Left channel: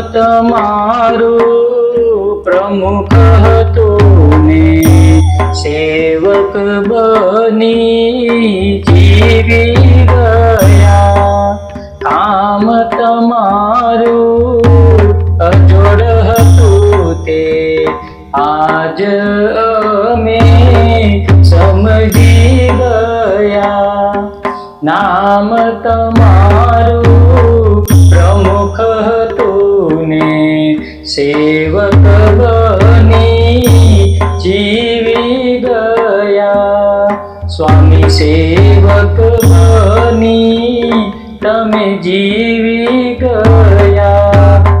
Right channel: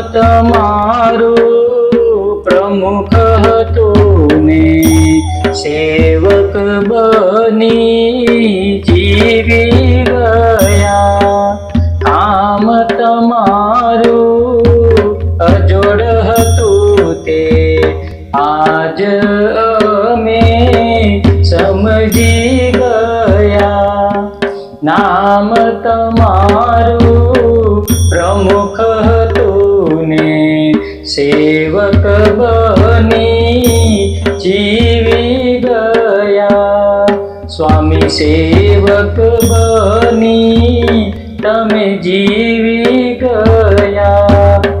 તમારું પ્રમુખ હતું ને સેવક બની જીવી ગયા. કામ તમારું અજોડ હતું તે આજ અમે સમજી ગયા. નામ તમારું પ્રમુખ હતું ને સેવક બની જીવી ગયા. સ્વામી સેવક બની તમે જીવી ગયા.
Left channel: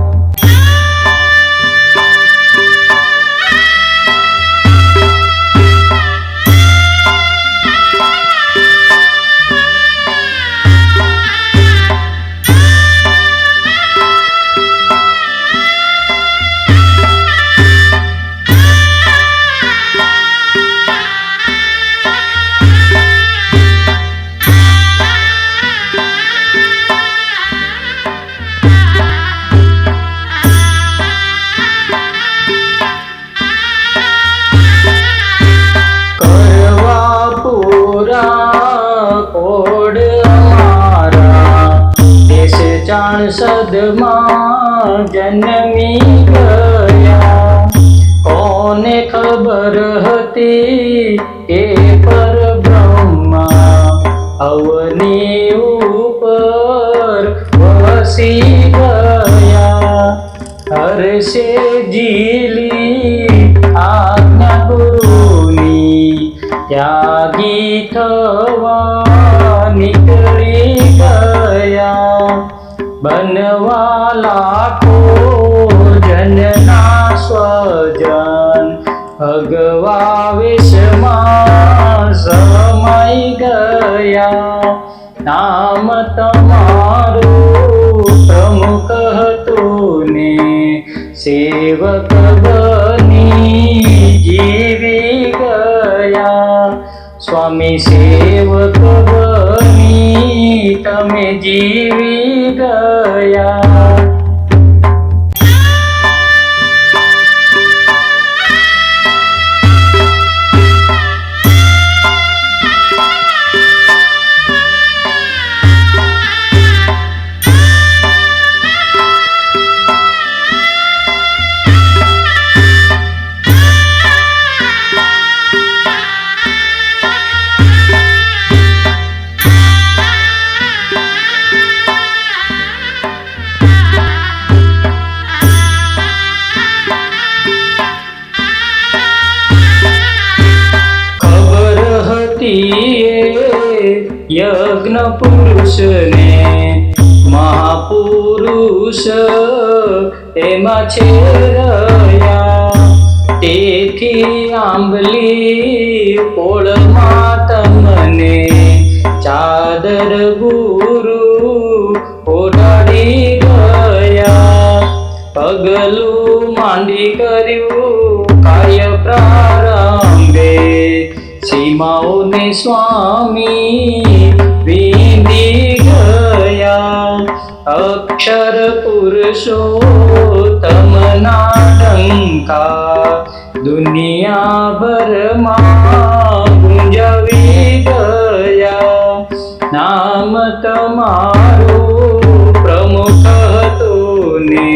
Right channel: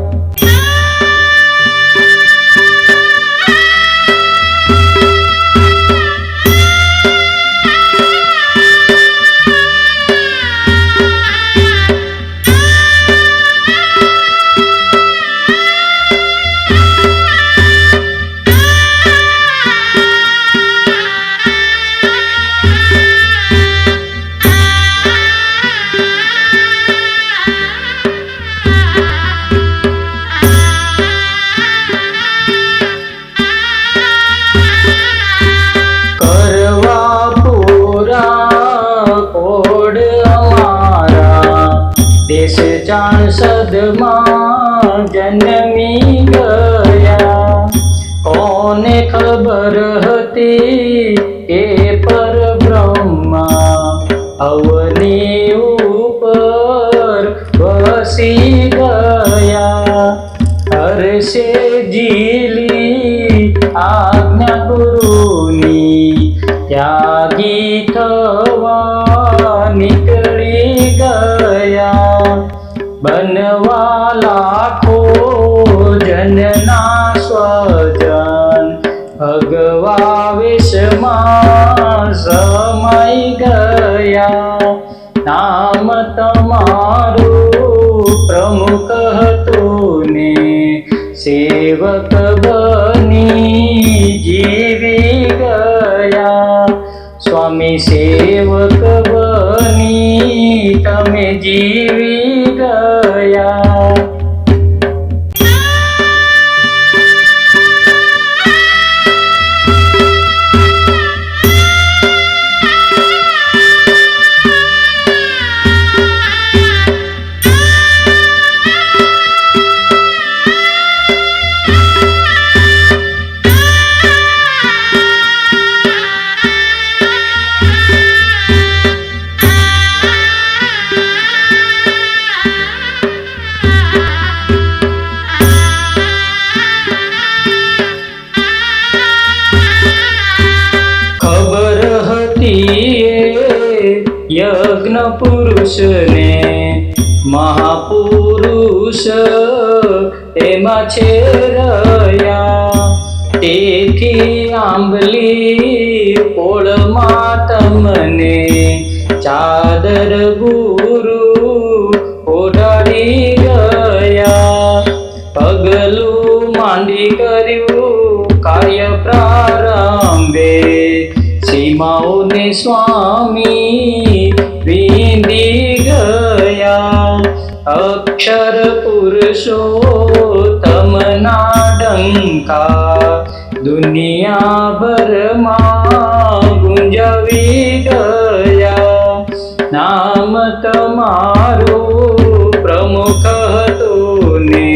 કોડ અમારા દેશ ચાણસદમાં જન્મી ગયા. કોને ખબર હતી કે પરબ્રહ્મા અવની ઉપર વસી ગયા. હર્ષે ઝીલી આજ્ઞા ગુરુની ત્યાગી થવા નીકળી ગયા. બનવા લાખો જનના સ્વજન ભગવા વેશમાં સમાઈ ગયા. નામ તમારું પ્રમુખ હતું ને સેવક બની જીવી ગયા. સ્વામી સેવક બની તમે જીવી ગયા. યજ્ઞ પુરુષને મહાપુરુષ એમાં છે રહ્યા. તેથી આંબલી પોળમાં તમને ચાદર ગુરુ ઓઢાડી ગયા. પગલું માંડી કર્યું કાર્ય પ્રારંભે સીમાઓને સ્વામી વિંધી ગયા. અક્ષર પુરુષોત્તમના ડંકા દુનિયાભરમાં ગુંજવી ગયા. નામ તમારું પ્રમુખ હતું ને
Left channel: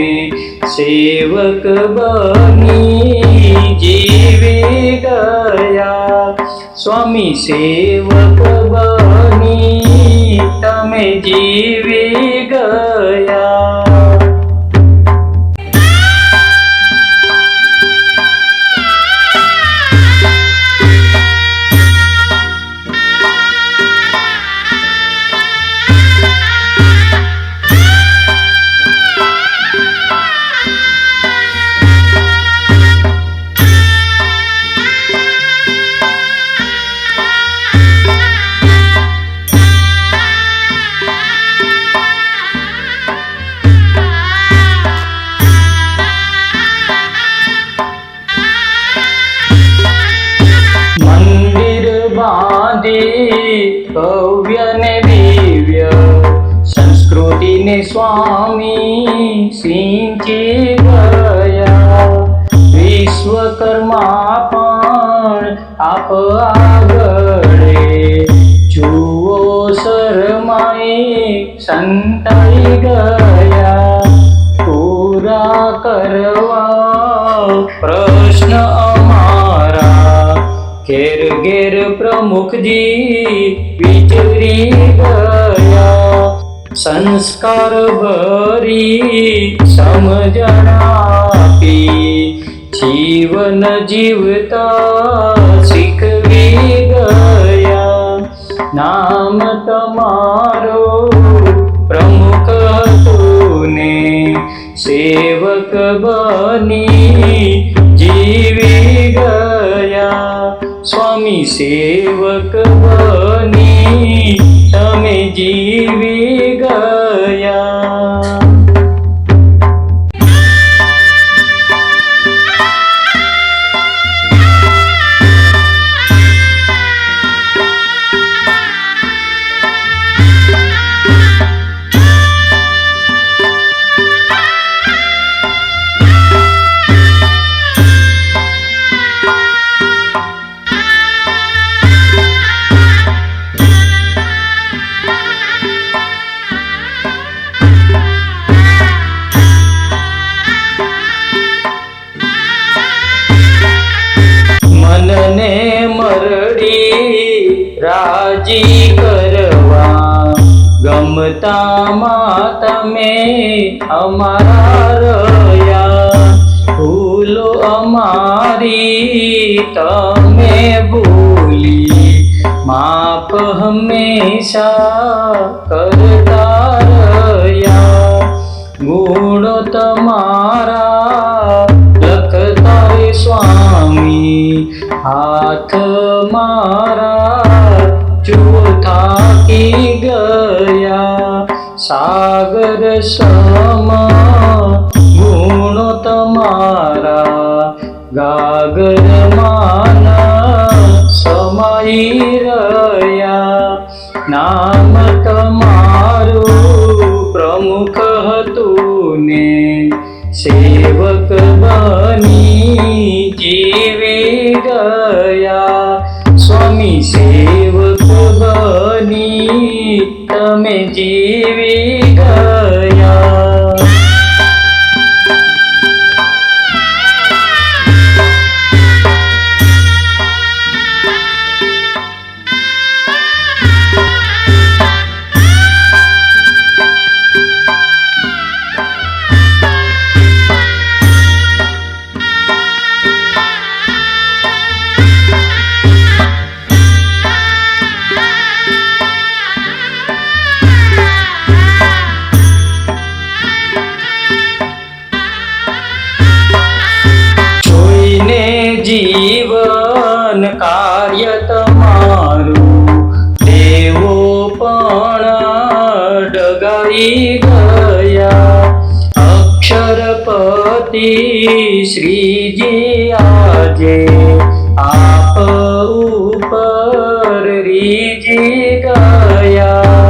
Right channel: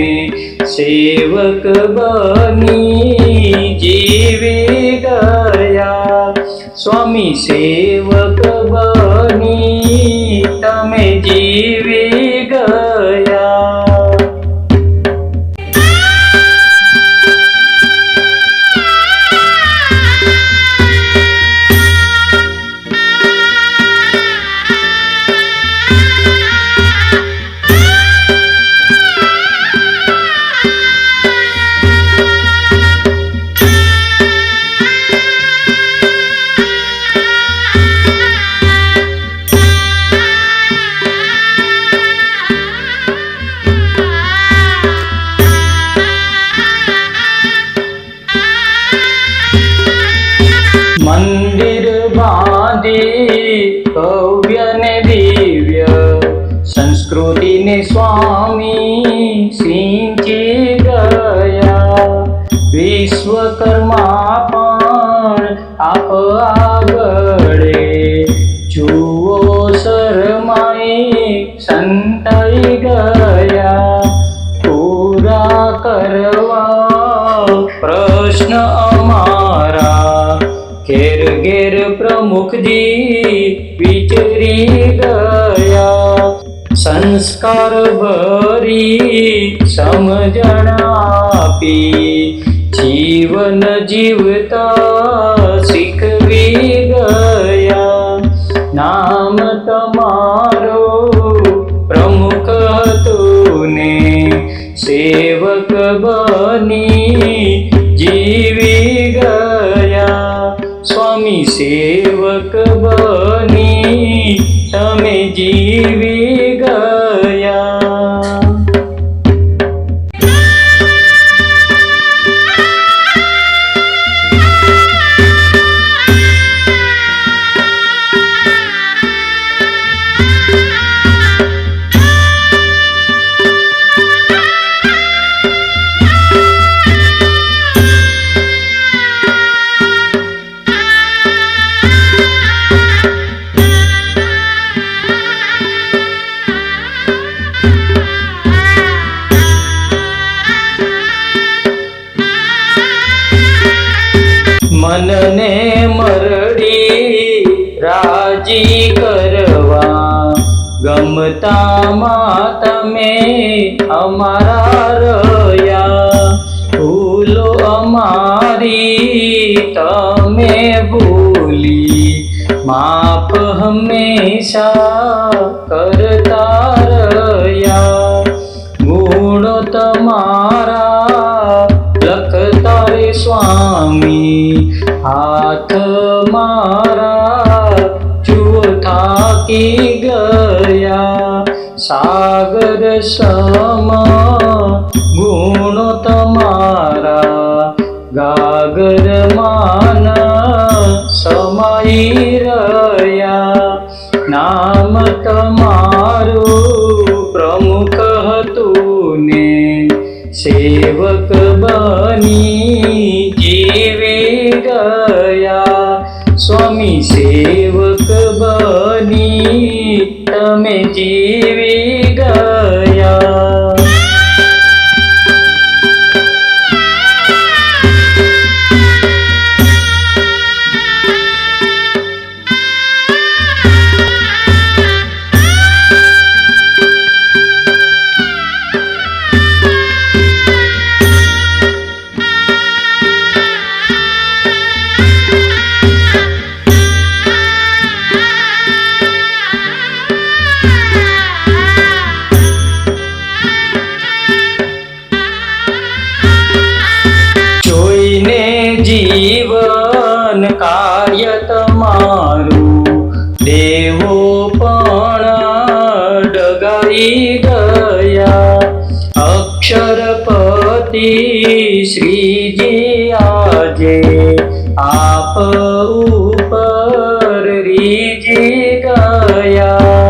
સેવક બની જીવી ગયા. સ્વામી સેવક બની તમે જીવી ગયા. મંદિર બાંધી ભવ્ય ને દિવ્ય સંસ્કૃત સંસ્કૃતિને સ્વામી સિંચી ગયા. વિશ્વકર્મા પણ આપ આગળે, જુઓ શરમાઈ સંતાઈ ગયા. પૂરા કરવા પ્રશ્ન અમારા, ઘેર ઘેર પ્રમુખજી વિચરી ગયા. સંસ્કાર ભરી સમજણ આપી, જીવન જીવતા શીખવી ગયા. નામ તમારો પ્રમુખ હતું ને, સેવક બની જીવી ગયા. સ્વામી સેવક બની તમે જીવી ગયા. મનને મરડી રાજી કરવા, ગમતામાં તમે અમારા રહ્યા. ભૂલો અમારી તમે ભૂલી, માફ હંમેશા કરતા રહ્યા. ગુણો તમારા લખતા રે સ્વામી, હાથ મારા જુઓ થાકી ગયા. સાગર સમ ગુણો તમારા, ગાગર માન સમાઈ રહ્યા. નામ તમારું પ્રમુખ હતું ને, સેવક બની જીવી ગયા. સ્વામી સેવક બની તમે જીવી ગયા. જીવન કાર્ય તમારું, દેવો પણ ડગાઈ ગયા. અક્ષરપતિ શ્રીજી આજે આપ ઉપર રીજી ગયા.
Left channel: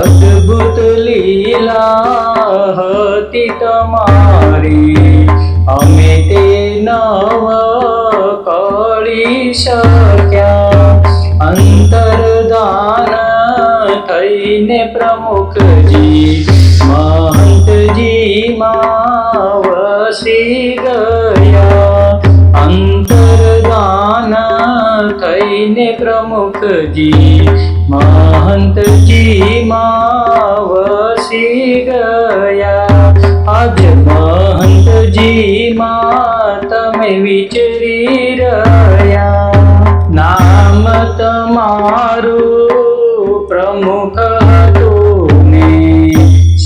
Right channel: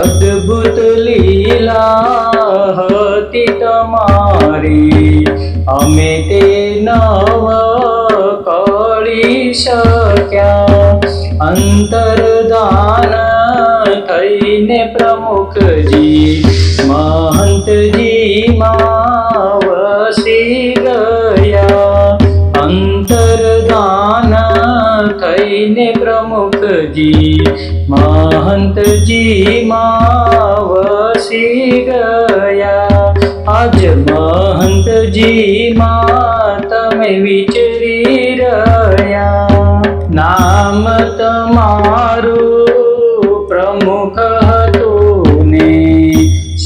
અદ્ભુત લીલા હતી તમારી, અમે તે નવ કરી શક્યા. અંતરદાન થઈને પ્રમુખજી મહંતજીમાં વસી ગયા. અંતરદાન થઈને પ્રમુખજી મહંતજીમાં વસી ગયા. આજ મહંતજીમાં તમે વિચરી રહ્યા. નામ તમારું પ્રમુખ હતું ને,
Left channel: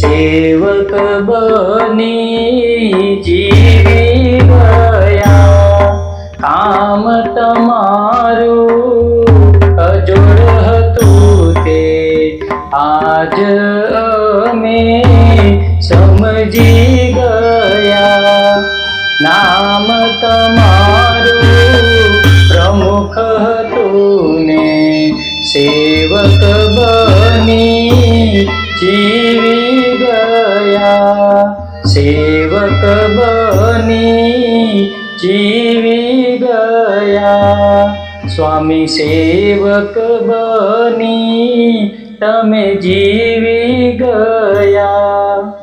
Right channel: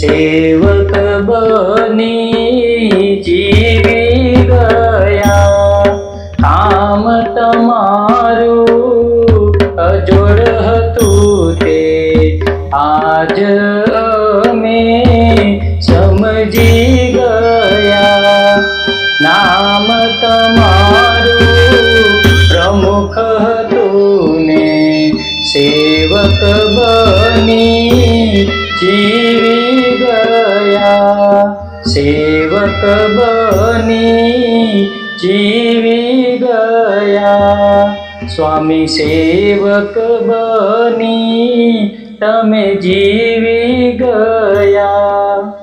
સેવક બની જીવી ગયા. કામ તમારું અજોડ હતું તે, આજ અમે સમજી ગયા. નામ તમારું પ્રમુખ હતું ને, સેવક બની જીવી બની જીવી ગયા. સ્વામી સેવક બની તમે જીવી ગયા.